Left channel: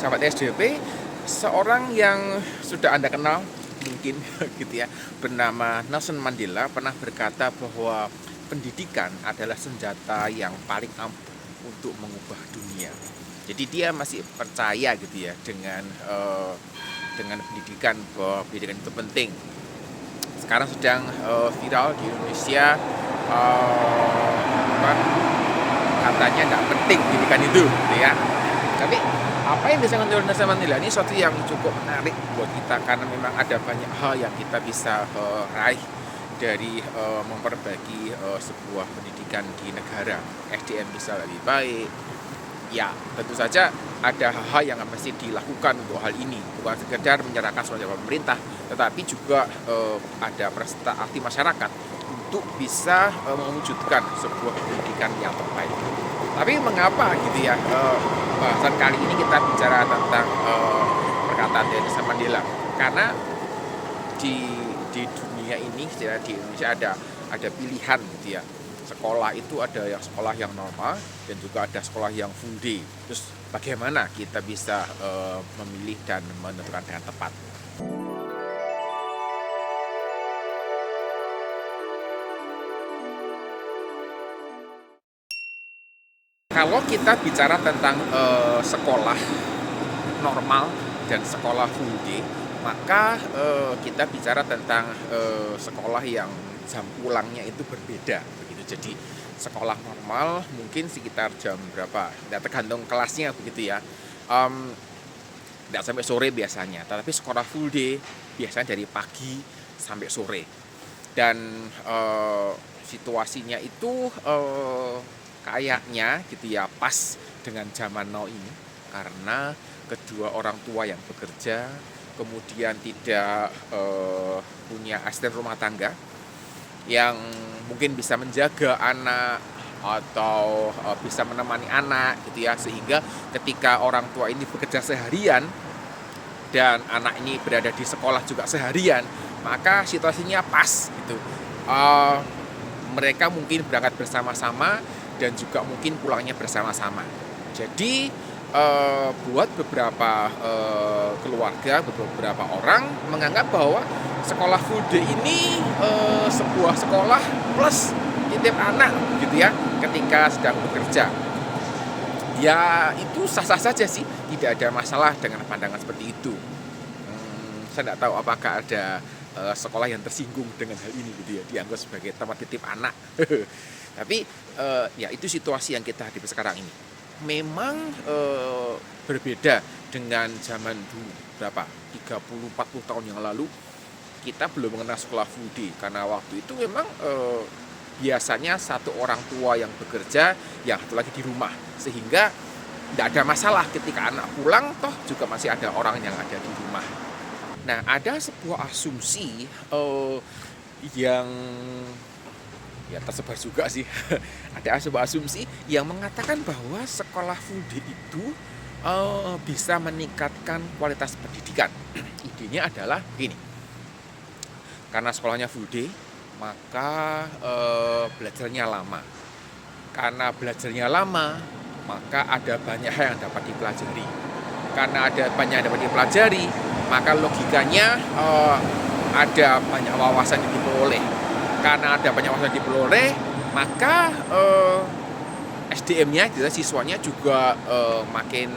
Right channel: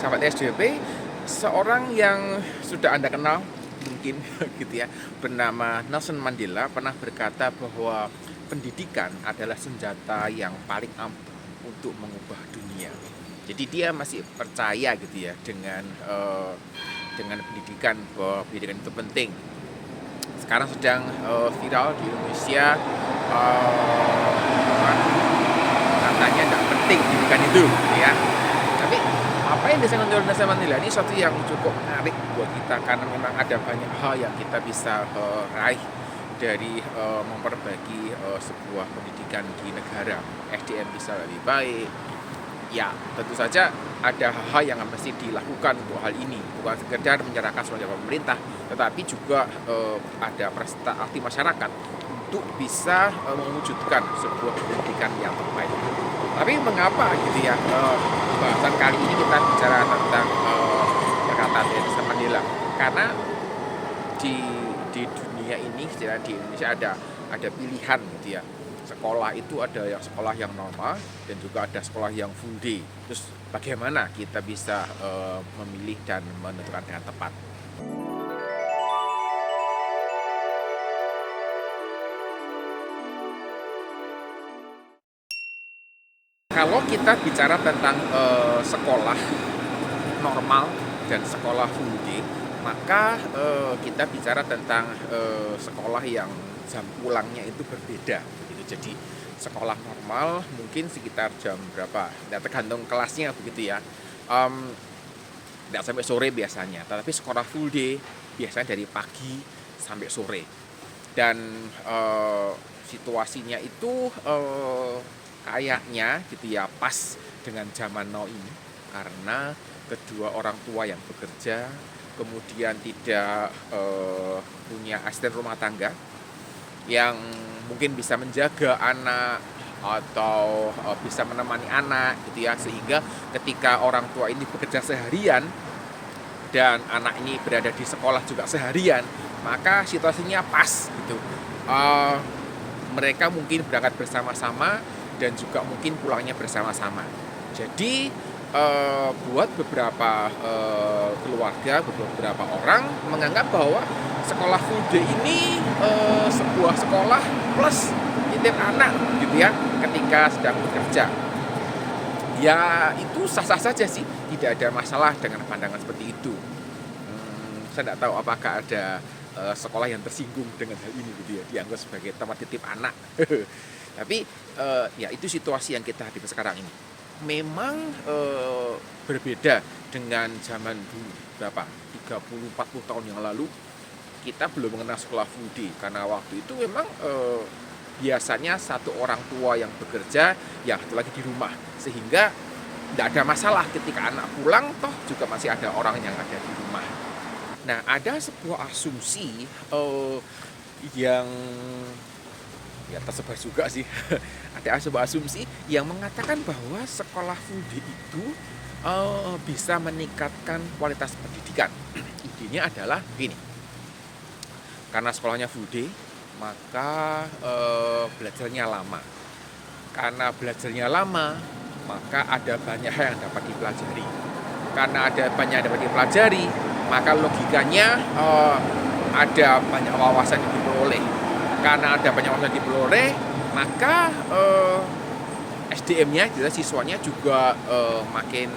sahabat SDP, seorang yang sudah Anda kenal mungkin gitu ya, bernama Nelson Mandela pernah berkata bahwa pendidikan adalah senjata yang paling ampuh untuk mengubah dunia. Jadi dia masih percaya gitu ya dengan pendidikan, bahwa pendidikan itu penting. Sekarang sedang viral di Indonesia, apa, katanya nggak penting pendidikan itu gitu ya. Tapi apa yang disampaikan oleh Nelson Mandela ini suatu yang cukup menarik buat kita, karena memang ada banyak hal yang kita bisa raih dari memperbaiki sebuah pendidikan di negara. SDM bisa lebih baik. Ya, tentu saja ada hal-hal yang mesti dilakukan untuk hal ini, bukan sekedar menyerahkan sebagai pemerintah, tetapi juga ada peserta aktif masyarakat untuk bisa mewujudkan sebuah pendidikan yang terbaik. Tapi mengapa gitu ya, bahasan kali ini kita bicara tentang perkataan dari Nelson Mandela? Karena di dunia ini, di Indonesia ada pilihan gitu ya. Sekolah itu ada yang sekolah yang normal dan juga ada sekolah yang full day. Terus bagaimana kita bisa memilih dan menentukan dengan tepat? Kalau kita bicara tentang sekolah normal dan sekolah full day, maka kita bicara tentang sekolah yang jam pulangnya itu berbeda begitu. Jadi sekolah normal mungkin sekitar jam berapa, ya tergantung kelasnya begitu ya, tidak sampai sore biasanya. Tetapi sekolah full day biasanya dari pagi sampai sore. Dan situasinya itu kayaknya gitu ya pas dengan zaman now ini, karena kedua orang tua yang bekerja, kemudian tidak punya asisten rumah tangga yang mungkin bisa menjaga anak atau bisa menemani anak gitu ya, sehingga ketika orang tua ini bekerja seharian dan anak ini berada di sekolah juga seharian, maka situasinya pas gitu. Uh, Mereka mungkin berangkat bersama-sama dan juga mungkin pulangnya bersama-sama. Jadi buat beberapa keluarga, beberapa orang menganggap bahwa sekolah full day ini sebuah sekolah plus titip anak gitu ya ketika sedang bekerja. Ya itu sah-sah saja sih, tidak ada masalah dengan pandangan seperti itu. Saya tidak tahu apakah ada sekolah yang tersinggung dengan hal ini gitu ya, dianggap sebagai tempat titip anak. Tapi ya itu situasi yang kita hadapi sekarang ini. Memang berbeda dengan zaman dulu, berapa 30-40 tahun yang lalu. Kita belum mengenal sekolah full day, karena waktu itu memang biasanya satu orang tua yang bekerja, yang satu lagi di rumah, sehingga tidak ada masalah ketika anak pulang, toh juga masih ada orang yang ada di rumah. Nah, ada sebuah asumsi yang ya tersebar juga sih. Ada sebuah asumsi yang mengatakan bahwa sekolah full day itu bisa meningkatkan kualitas pendidikan. Intinya adalah ini, karena sekolahnya full day, maka belajarnya lama. Karena belajarnya lama, maka ada banyak hal yang dapat dipelajari. Karena ada banyak yang dapat dipelajari, maka logikanya ada banyak wawasan yang diperoleh. Karena ada banyak wawasan yang diperoleh, maka SDM-nya, gitu, siswanya juga makin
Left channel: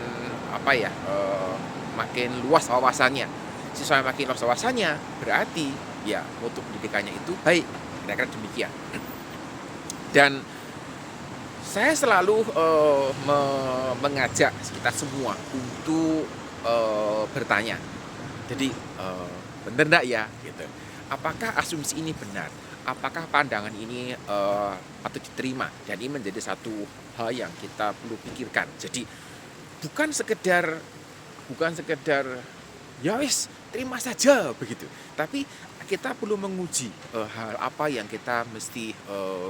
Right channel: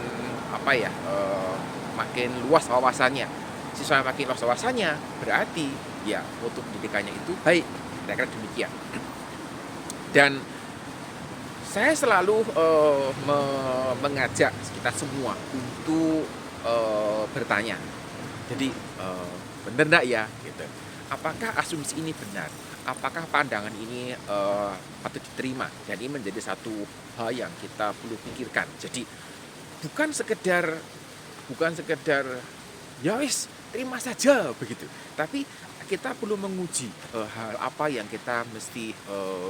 makin luas wawasannya. Siswa yang makin luas wawasannya berarti ya untuk pendidikannya itu baik. Kira-kira demikian. Dan saya selalu mengajak kita semua untuk bertanya. Jadi benar enggak ya gitu. Apakah asumsi ini benar? Apakah pandangan ini patut diterima? Jadi menjadi satu hal yang kita perlu pikirkan. Jadi bukan sekedar ya wis terima saja begitu. Tapi kita perlu menguji hal apa yang kita mesti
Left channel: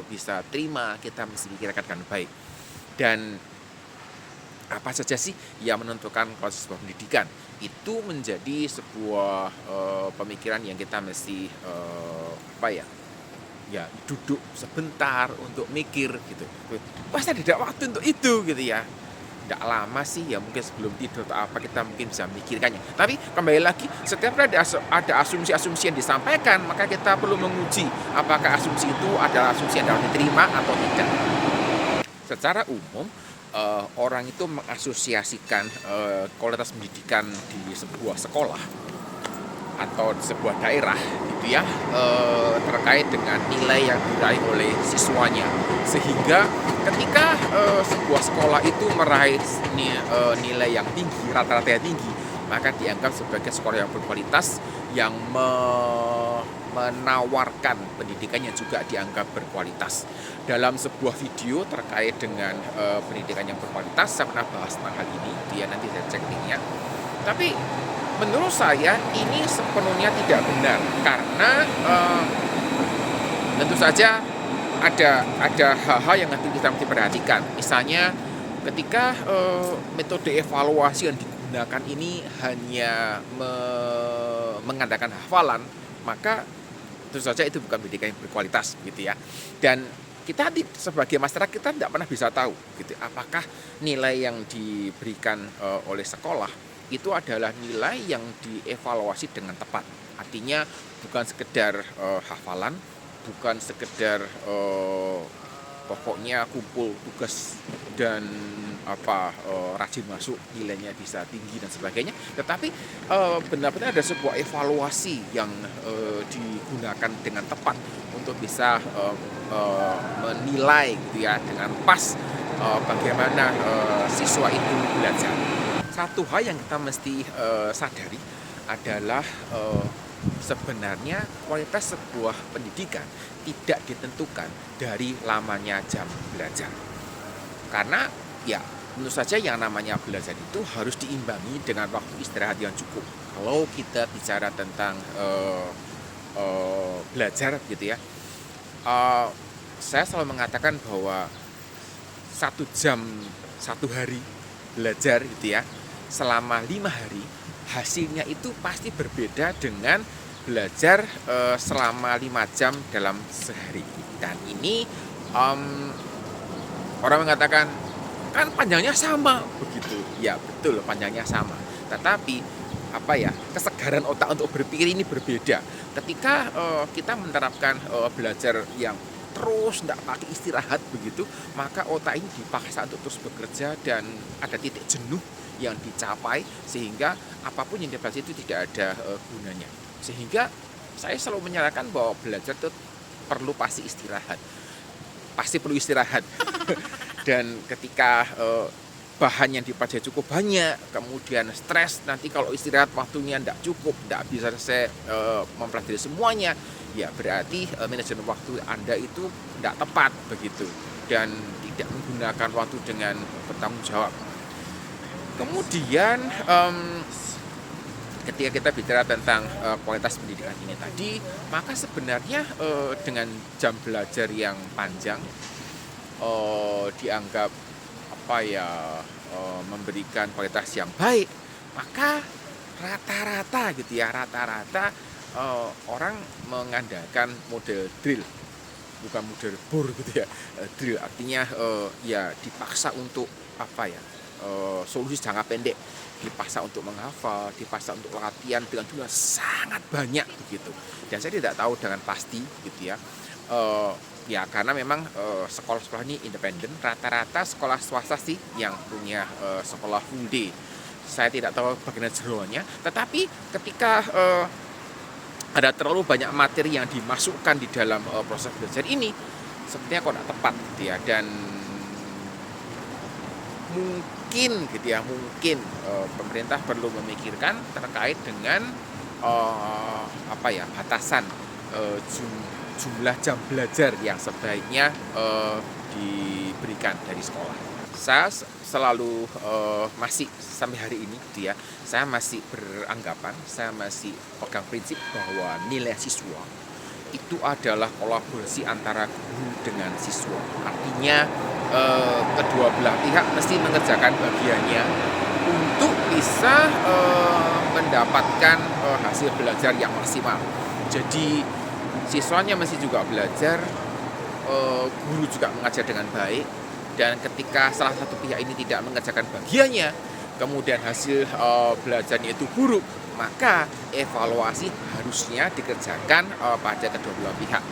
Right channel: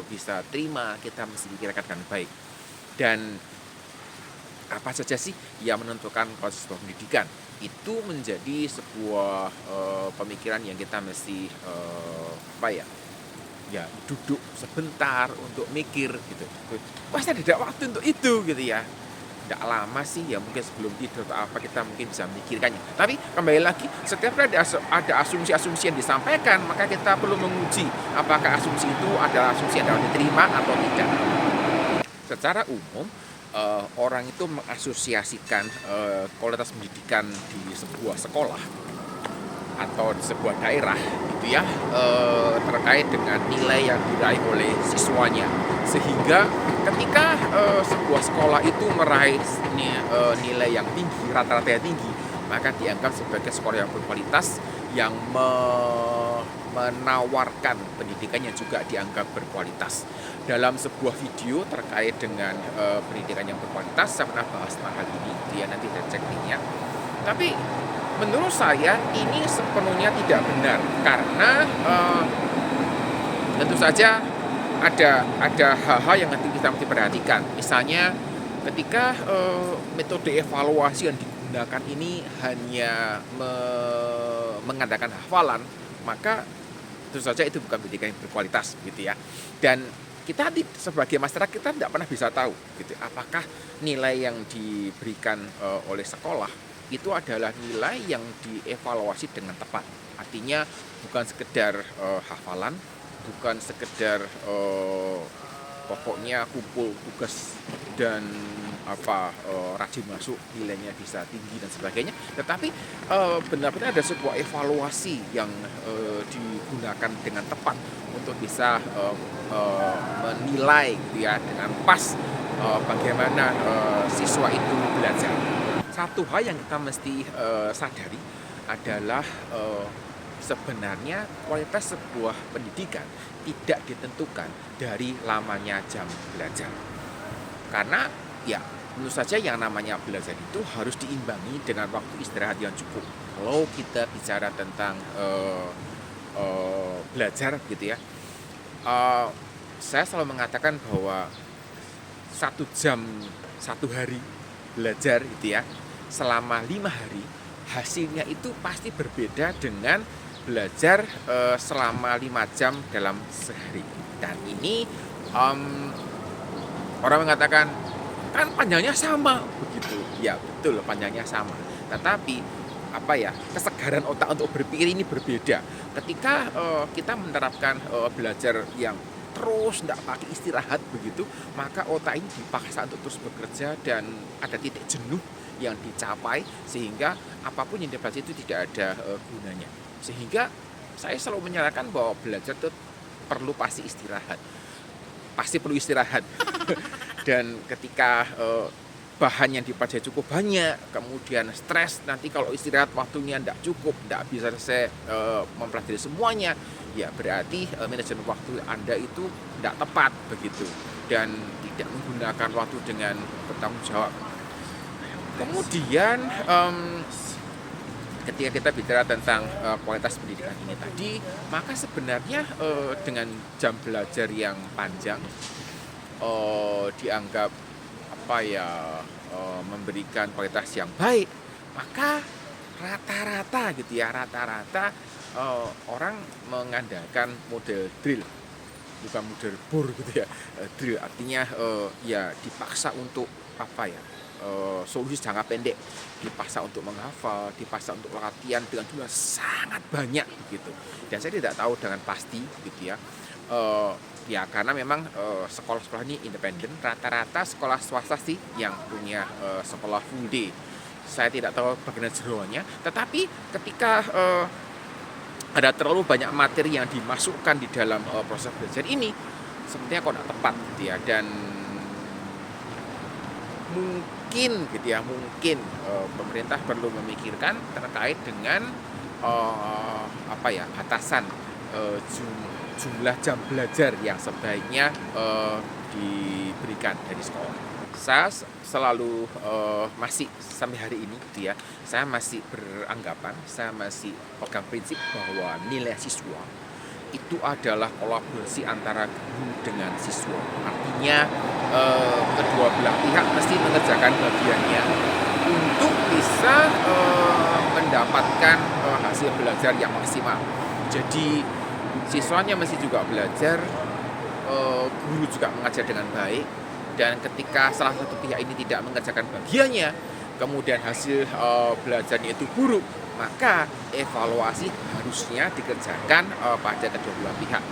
bisa terima, kita mesti pikirkan dengan baik. Dan apa saja sih yang menentukan proses sebuah pendidikan? Itu menjadi sebuah pemikiran yang kita mesti ya duduk sebentar untuk mikir gitu. Masa tidak waktu untuk itu gitu ya. tidak lama sih ya, mungkin sebelum tidur atau apa kita mungkin bisa memikirkannya. Tapi kembali lagi, setiap ada asumsi-asumsi yang disampaikan, maka kita perlu menguji apakah asumsi itu adalah asumsi yang dapat diterima atau tidak. Secara umum, orang itu mengasosiasikan kualitas pendidikan di sebuah sekolah atau di sebuah daerah gitu ya, terkait dengan nilai yang diraih oleh siswanya, sehingga ketika sebuah sekolah itu meraih nilai yang tinggi, rata-rata yang tinggi, maka dianggap sebagai sekolah yang berkualitas, yang menawarkan pendidikan yang juga dianggap berkualitas. Dalam sebuah video terkait dengan pendidikan yang berkualitas, saya pernah bahas tentang hal ini, dia nanti saya cek linknya. Tapi menurut saya ini sepenuhnya tidak benar, karena tentu saja ada hal-hal yang nanti kita mesti perhatikan. Misalnya ketika metode evaluasi yang digunakan ini hanya mengandalkan hafalan, maka tentu saja itu bukan pendidikan yang berkualitas gitu ya. Dan kita sebagai masyarakat kita tidak pernah bisa tahu gitu, apakah nilai yang diberikan oleh sekolah itu adalah nilai yang dievaluasi dengan tepat. Artinya bukan sekedar hafalan, bukan sekedar pokoknya kumpul tugas dan rajin masuk nilainya bisa tinggi dan sebagainya, tetapi benar-benar ada sebuah evaluasi yang digunakan dengan tepat untuk bisa menilai ya dengan pas bagaimana siswa itu belajar. Satu hal yang kita mesti sadari adalah sebenarnya kualitas sebuah pendidikan tidak ditentukan dari lamanya jam belajar. Karena ya tentu saja yang namanya belajar itu harus diimbangi dengan waktu istirahat yang cukup. Kalau kita bicara tentang belajar gitu ya, saya selalu mengatakan bahwa 1 jam 1 hari belajar gitu ya, selama 5 hari hasilnya itu pasti berbeda dengan belajar selama 5 jam dalam sehari. Dan ini orang mengatakan kan panjangnya sama begitu. Ya betul, panjangnya sama. Tetapi kesegaran otak untuk berpikir ini berbeda. Ketika kita menerapkan belajar yang terus tidak pakai istirahat begitu, maka otak ini dipaksa untuk terus bekerja dan ada titik jenuh yang dicapai, sehingga apapun yang dipelajari itu tidak ada gunanya. Sehingga saya selalu menyarankan bahwa belajar itu pasti perlu istirahat. Dan ketika bahan yang dipelajari cukup banyak, kemudian stres, nanti kalau istirahat waktunya tidak cukup, tidak bisa selesai mempelajari semuanya, ya berarti manajemen waktu Anda itu tidak tepat begitu, dan tidak menggunakan waktu dengan bertanggung jawab. Kemudian ketika kita bicara tentang kualitas pendidikan ini tadi, maka sebenarnya dengan jam belajar yang panjang dianggap memberikan kualitas yang baik, maka rata-rata orang mengandalkan model drill, bukan model bor gitu ya. Drill artinya ya dipaksa untuk solusi jangka pendek, dipaksa untuk menghafal, dipaksa untuk latihan dengan jumlah sangat banyak begitu. Dan saya tidak tahu dengan pasti gitu ya. Ya karena memang sekolah-sekolah ini independen, rata-rata sekolah swasta sih yang punya sekolah full day. Saya tidak tahu bagaimana jeroannya, tetapi ketika ada terlalu banyak materi yang dimasukkan di dalam proses belajar ini, sepertinya kok tidak tepat gitu ya. Dan mungkin pemerintah perlu memikirkan terkait dengan batasan jumlah jam belajar yang sebaiknya diberikan dari sekolah. Saya selalu masih sampai hari ini gitu ya, saya masih beranggapan, saya masih pegang prinsip bahwa nilai siswa itu adalah kolaborasi antara guru dengan siswa. Artinya kedua belah pihak mesti mengerjakan bagiannya untuk bisa mendapatkan hasil belajar yang maksimal. Jadi siswanya mesti juga belajar, guru juga mengajar dengan baik, dan ketika salah satu pihak ini tidak mengerjakan bagiannya, kemudian hasil belajarnya itu buruk, maka evaluasi harusnya dikerjakan pada kedua belah pihak.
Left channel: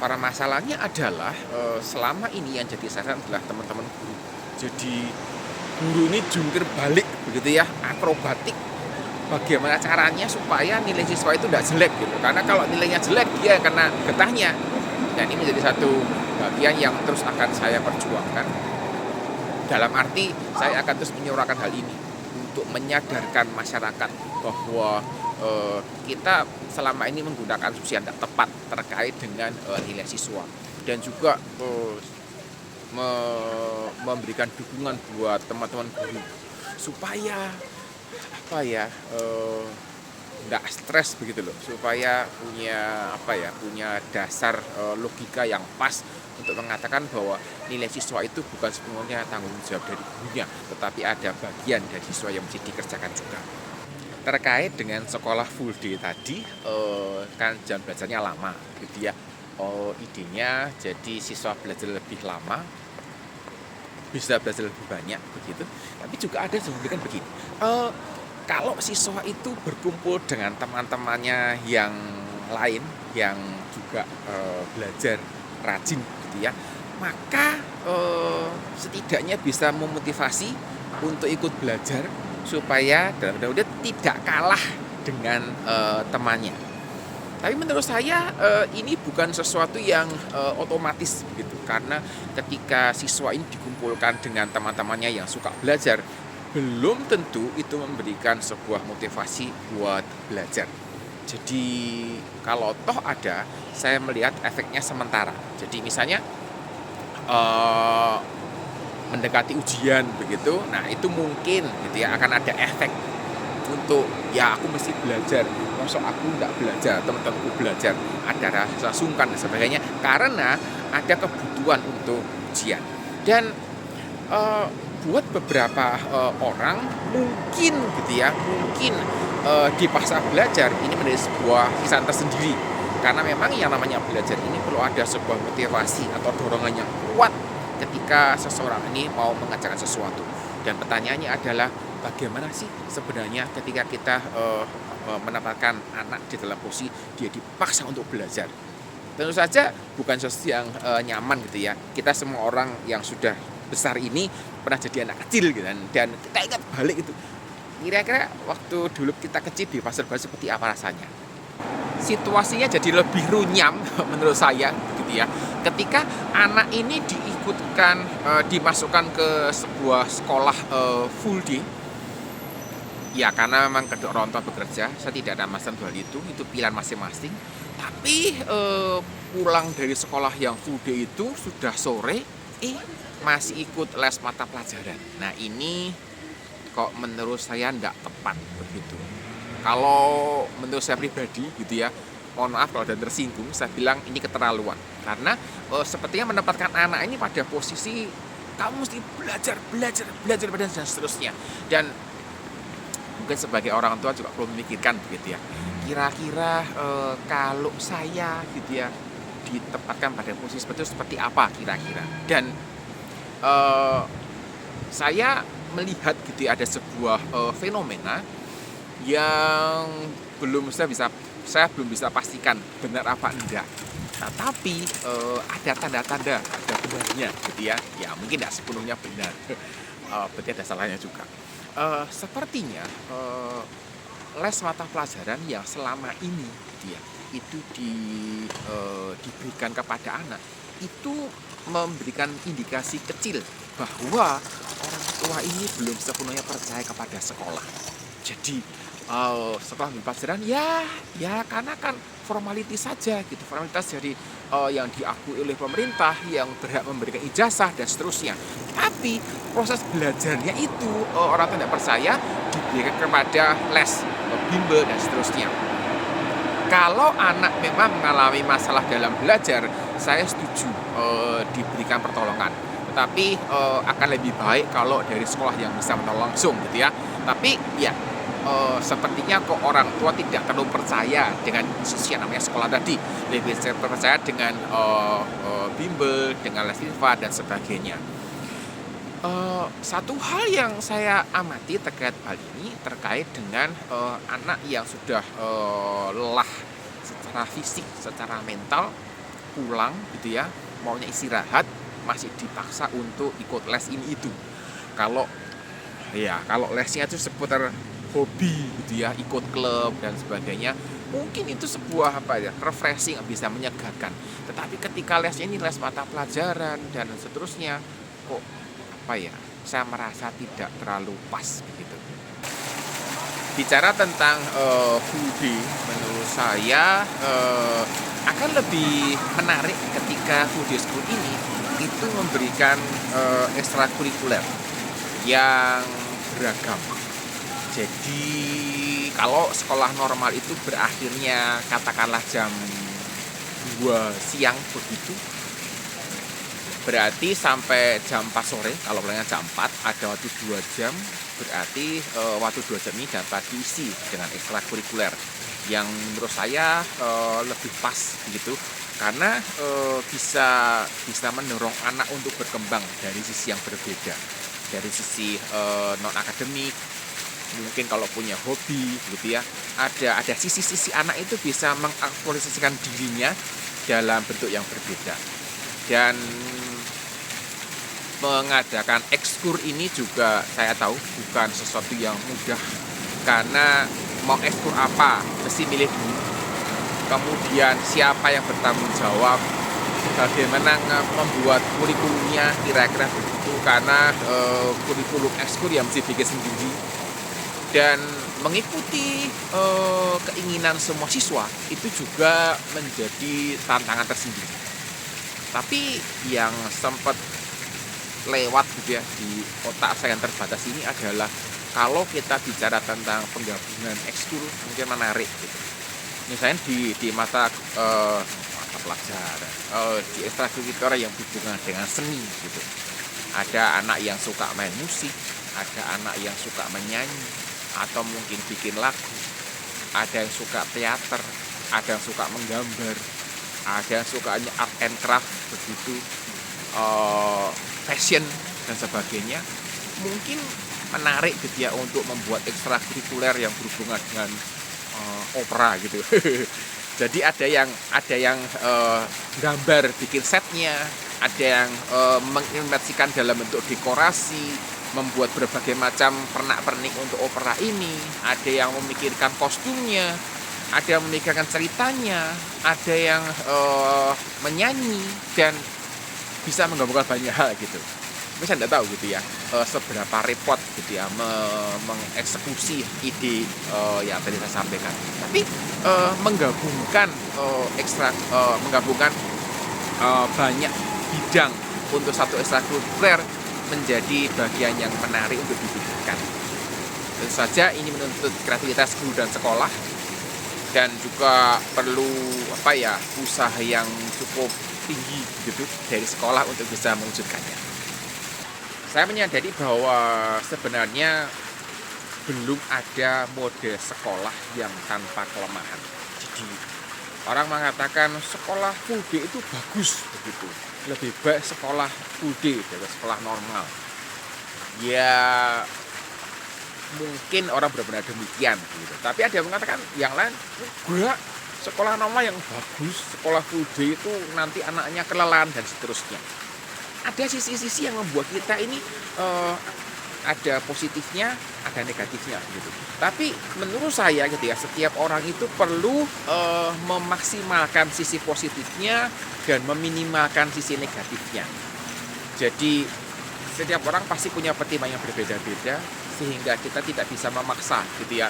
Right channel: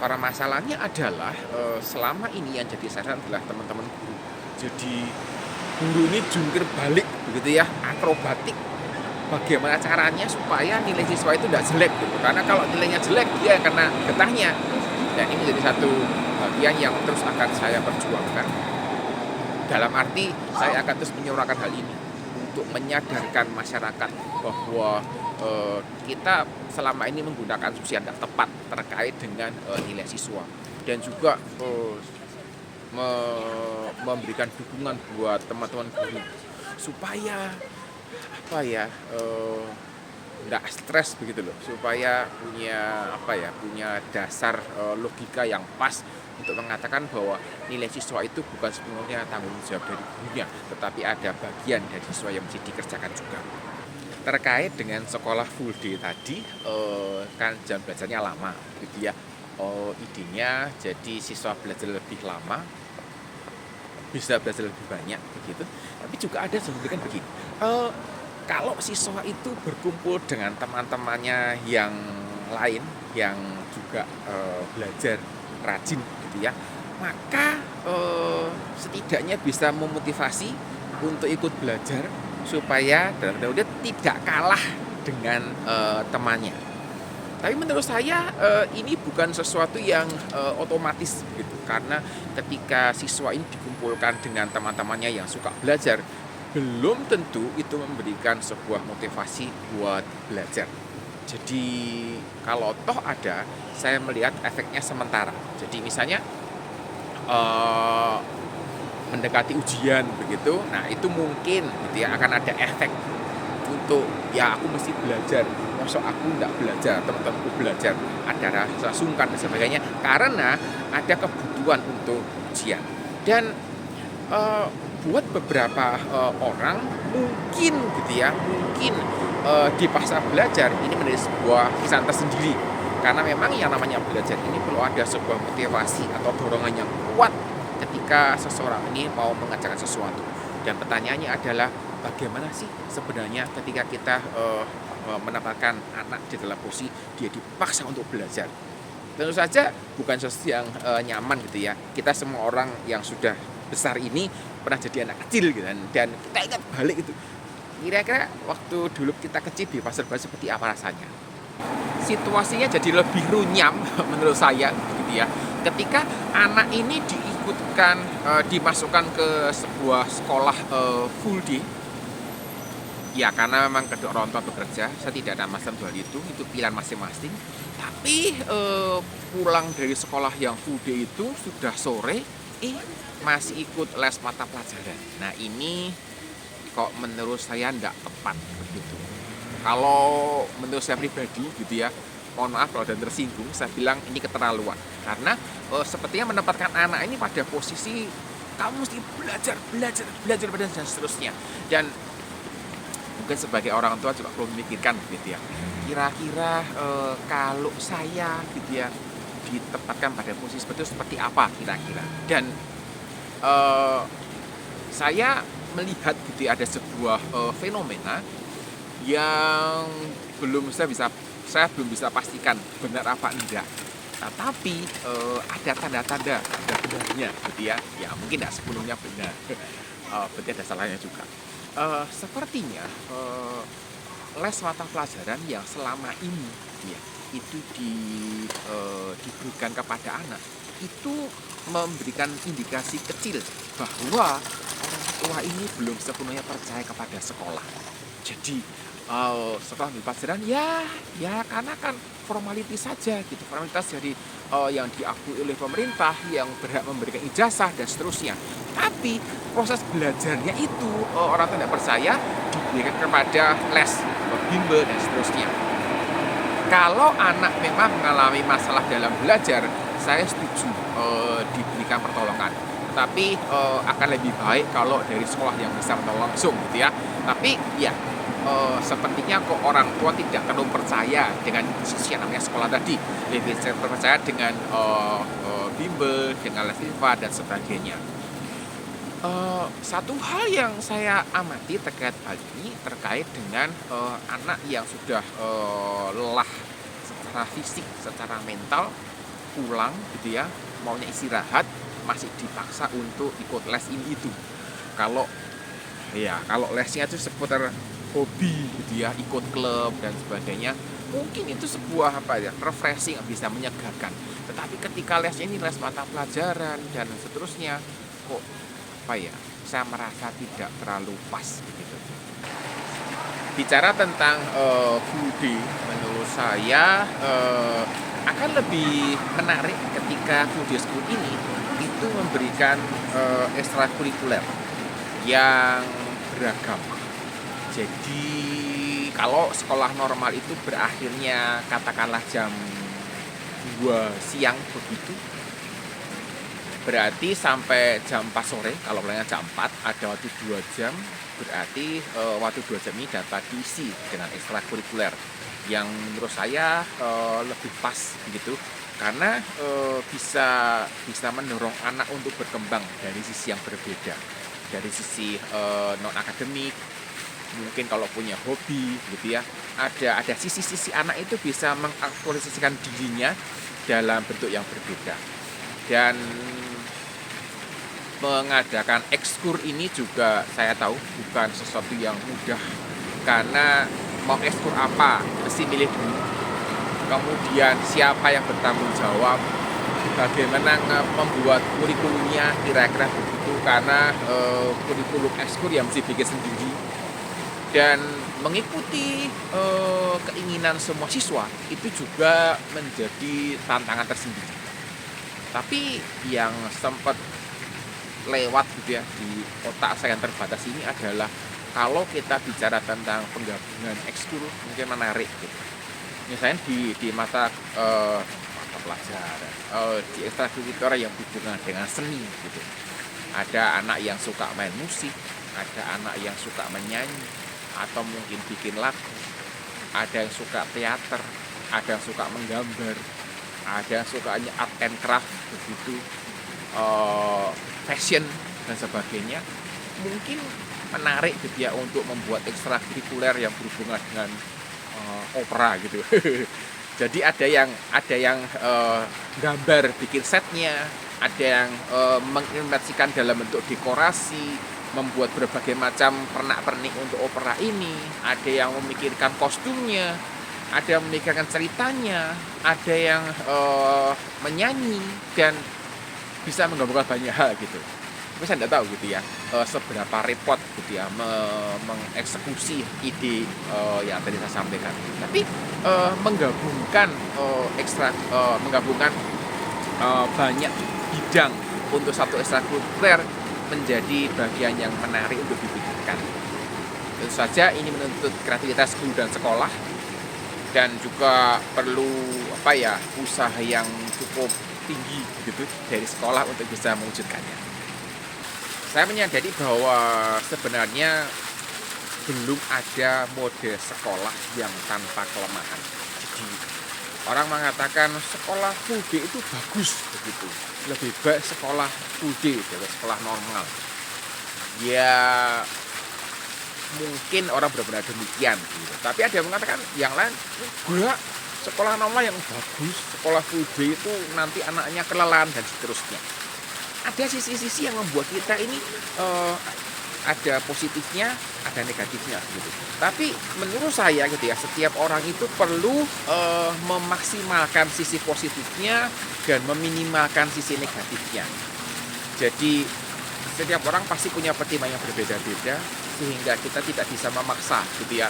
Para masalahnya adalah selama ini yang jadi sasaran adalah teman-teman guru. Jadi guru ini jungkir balik begitu ya, akrobatik. Bagaimana caranya supaya nilai siswa itu tidak jelek gitu. Karena kalau nilainya jelek dia yang kena getahnya. Dan ini menjadi satu bagian yang terus akan saya perjuangkan. Dalam arti saya akan terus menyuarakan hal ini untuk menyadarkan masyarakat bahwa kita selama ini menggunakan asumsi yang tidak tepat terkait dengan nilai siswa, dan juga memberikan dukungan buat teman-teman guru supaya nggak stres begitu loh, supaya punya dasar logika yang pas untuk mengatakan bahwa nilai siswa itu bukan sepenuhnya tanggung jawab dari gurunya, tetapi ada bagian dari siswa yang mesti dikerjakan juga. Terkait dengan sekolah full day tadi, kan jam belajarnya lama gitu ya. Idenya jadi siswa belajar lebih lama, bisa belajar lebih banyak begitu. Tapi juga ada sebenarnya kan begini. Kalau siswa itu berkumpul dengan teman-temannya yang lain yang juga belajar rajin gitu ya, maka setidaknya bisa memotivasi untuk ikut belajar supaya dalam tidak kalah dengan temannya. Tapi menurut saya ini bukan sesuatu yang otomatis gitu, karena ketika siswa ini dikumpulkan dengan teman-temannya yang suka belajar, belum tentu itu memberikan sebuah motivasi buat belajar. Jadi kalau toh ada, saya melihat efeknya sementara. Jadi misalnya mendekati ujian begitu, nah itu mungkin gitu ya akan ada efek untuk ya aku mesti belajar, masuk aku tidak belajar, teman-temanku belajar, ada rasa sungkan dan sebagainya karena ada kebutuhan untuk ujian. Dan buat beberapa orang mungkin gitu ya, dipaksa belajar ini menjadi sebuah kesan tersendiri, karena memang yang namanya belajar ini perlu ada sebuah motivasi atau dorongan yang kuat ketika seseorang ini mau mengerjakan sesuatu. Dan pertanyaannya adalah bagaimana sih sebenarnya ketika kita menempatkan anak di dalam posisi dia dipaksa untuk belajar. Tentu saja bukan sesuatu yang nyaman gitu ya. Kita semua orang yang sudah besar ini pernah jadi anak kecil gitu kan, dan kita ingat balik itu. Kira-kira waktu dulu kita kecil di pasar baru seperti apa rasanya? Situasinya jadi lebih runyam menurut saya gitu ya. Ketika anak ini diikutkan, dimasukkan ke sebuah sekolah full day, ya karena memang kedua orang tua bekerja, saya tidak ada masalah soal itu pilihan masing-masing. Tapi pulang dari sekolah yang full day itu sudah sore, masih ikut les mata pelajaran. Nah ini kok menurut saya tidak tepat begitu. Kalau menurut saya pribadi gitu ya, mohon maaf kalau ada tersinggung, saya bilang ini keterlaluan. Karena sepertinya menempatkan anak ini pada posisi kamu mesti belajar dan seterusnya. Dan mungkin sebagai orang tua juga perlu memikirkan gitu ya, kira-kira kalau saya gitu ya ditempatkan pada posisi seperti apa kira-kira. Dan saya melihat gitu ya, ada sebuah fenomena yang saya belum bisa pastikan benar apa enggak. Nah, tapi ada tanda-tanda ada benarnya gitu ya. Ya mungkin tidak sepenuhnya benar. Berarti ada salahnya juga. Sepertinya les mata pelajaran yang selama ini gitu ya, itu diberikan kepada anak itu memberikan indikasi kecil bahwa orang tua ini belum sepenuhnya percaya kepada sekolah. Jadi setelah di pelajaran ya karena kan formalitas saja gitu, formalitas jadi yang diakui oleh pemerintah yang berhak memberikan ijazah dan seterusnya. Tapi proses belajarnya itu orang tua tidak percaya, diberikan kepada les, bimbel dan seterusnya. Kalau anak memang mengalami masalah dalam belajar, saya setuju diberikan pertolongan. Tetapi akan lebih baik kalau dari sekolah yang bisa menolong langsung gitu ya. Tapi ya sepertinya kok orang tua tidak terlalu percaya dengan institusi yang namanya sekolah tadi. Lebih percaya dengan bimbel, dengan les privat dan sebagainya. Satu hal yang saya amati terkait hal ini terkait dengan anak yang sudah lelah secara fisik, secara mental, pulang gitu ya, maunya istirahat, masih dipaksa untuk ikut les ini itu. Kalau kalau lesnya itu seputar hobi gitu ya, ikut klub dan sebagainya, mungkin itu sebuah refreshing, bisa menyegarkan. Tetapi ketika les ini les mata pelajaran dan seterusnya, kok saya merasa tidak terlalu pas begitu. Bicara tentang full day, menurut saya akan lebih menarik ketika full day school ini itu memberikan ekstrakurikuler yang beragam. Jadi kalau sekolah normal itu berakhirnya katakanlah jam 2 siang begitu, berarti sampai jam 4 sore. Kalau mulainya jam 4 ada waktu 2 jam, berarti waktu 2 jam ini dapat diisi dengan ekstrakurikuler yang menurut saya lebih pas begitu, karena bisa mendorong anak untuk berkembang dari sisi yang berbeda, dari sisi non akademik. Mungkin kalau punya hobi gitu ya, ada sisi-sisi anak itu bisa mengaktualisasikan dirinya dalam bentuk yang berbeda. Dan mengadakan ekskur ini juga saya tahu bukan sesuatu yang mudah, karena mau ekskur apa mesti milih dulu, kemudian siapa yang bertanggung jawab, bagaimana membuat kurikulumnya, kira-kira begitu, karena kurikulum ekskur yang mesti bikin sendiri dan mengikuti keinginan semua siswa itu juga menjadi tantangan tersendiri. Tapi yang sempat lewat gitu ya di otak saya yang terbatas ini adalah kalau kita bicara tentang penggabungan ekskul mungkin menarik gitu. Misalnya di mata pelajaran, di ekstrakurikuler yang berhubungan dengan seni gitu. Ada anak yang suka main musik, ada anak yang suka menyanyi atau mungkin bikin lagu, ada yang suka teater, ada yang suka menggambar, ada yang sukanya art and craft begitu, fashion dan sebagainya. Mungkin menarik gitu ya untuk membuat ekstrakurikuler yang berhubungan dengan opera gitu. Jadi ada yang gambar bikin setnya, ada yang mengimersikan dalam bentuk dekorasi, membuat berbagai macam pernak-pernik untuk opera ini, ada yang memikirkan kostumnya, ada yang memikirkan ceritanya, ada yang menyanyi dan bisa menggabungkan banyak hal gitu. Tapi saya tidak tahu gitu ya seberapa repot gitu ya mengeksekusi ide yang tadi saya sampaikan. Tapi menggabungkan banyak bidang untuk satu ekstrakurikuler menjadi bagian yang menarik untuk dipikirkan. Tentu saja ini menuntut kreativitas guru dan sekolah, dan juga perlu usaha yang cukup tinggi gitu dari sekolah untuk bisa mewujudkannya. Saya menyadari bahwa sebenarnya belum ada mode sekolah yang tanpa kelemahan. Jadi orang mengatakan sekolah full day itu bagus begitu, lebih baik sekolah full day dari sekolah normal. Ya mungkin orang benar-benar demikian gitu. Tapi ada yang mengatakan yang lain, enggak, sekolah normal yang bagus, sekolah full day itu nanti anaknya kelelahan dan seterusnya. Ada sisi-sisi yang membuat kita ini ada positifnya, ada negatifnya gitu. Tapi menurut saya gitu ya, setiap orang itu perlu memaksimalkan sisi positifnya dan meminimalkan sisi negatifnya. Jadi setiap orang pasti punya pertimbangan yang berbeda-beda, sehingga kita tidak bisa memaksa gitu ya.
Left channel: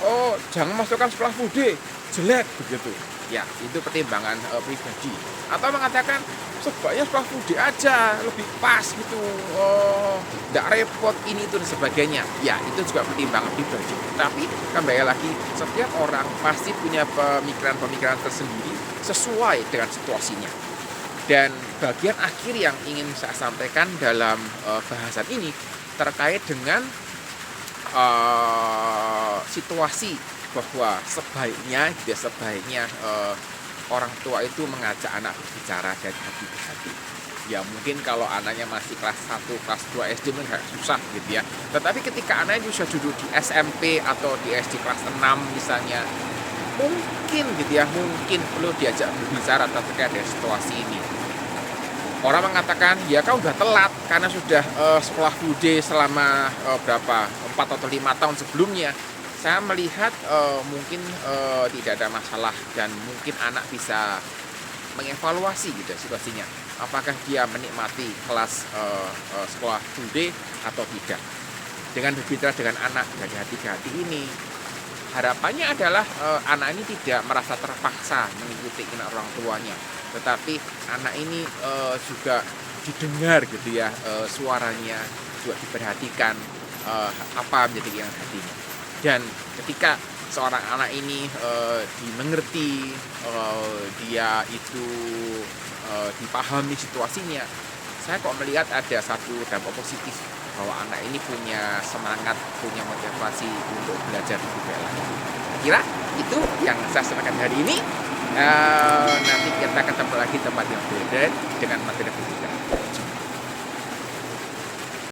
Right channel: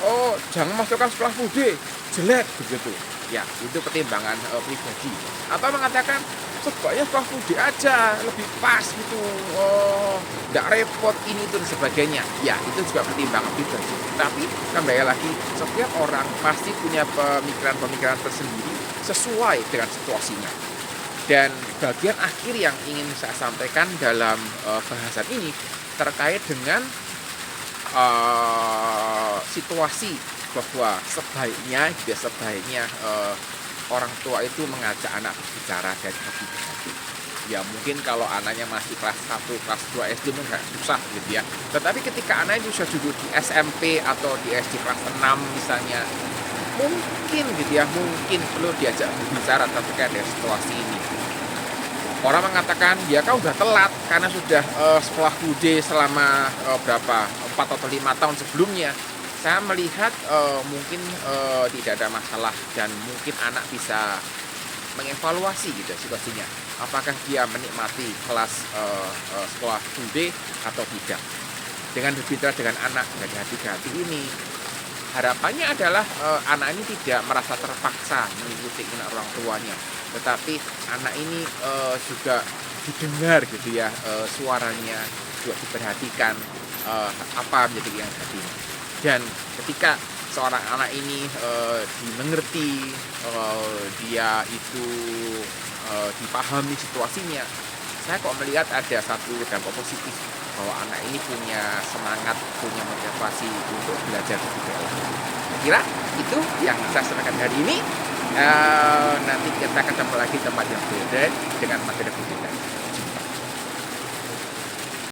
Oh, jangan masukkan sekolah full day, jelek begitu. Ya, itu pertimbangan pribadi. Atau mengatakan sebaiknya sekolah full day aja, lebih pas gitu. Oh, tidak repot ini itu dan sebagainya. Ya, itu juga pertimbangan pribadi. Tapi kembali lagi, setiap orang pasti punya pemikiran-pemikiran tersendiri sesuai dengan situasinya. Dan bagian akhir yang ingin saya sampaikan dalam bahasan ini terkait dengan situasi bahwa sebaiknya orang tua itu mengajak anak berbicara dari hati ke hati. Ya mungkin kalau anaknya masih kelas 1, kelas 2 SD mungkin agak susah gitu ya. Tetapi ketika anaknya sudah duduk di SMP atau di SD kelas 6 misalnya, mungkin gitu ya, mungkin perlu diajak berbicara terkait dengan situasi ini. Orang mengatakan, ya kau udah telat karena sudah sekolah bude selama berapa 4 atau 5 tahun sebelumnya. Saya melihat mungkin tidak ada masalah dan mungkin anak bisa mengevaluasi gitu ya situasinya. Apakah dia menikmati kelas sekolah bude atau tidak. Dengan berbicara dengan anak dari hati ke hati ini, harapannya adalah anak ini tidak merasa terpaksa mengikuti keinginan orang tuanya, tetapi anak ini juga didengar gitu ya, suaranya juga diperhatikan, apa menjadi keinginan hatinya. Dan ketika seorang anak ini dimengerti, dia itu dipahami situasinya, saya kok melihat ada satu dampak positif bahwa anak ini punya semangat, punya motivasi untuk belajar lebih baik lagi. Saya kira itu yang saya sampaikan hari ini. Nanti kita ketemu lagi di tempat yang berbeda dengan materi berbeda.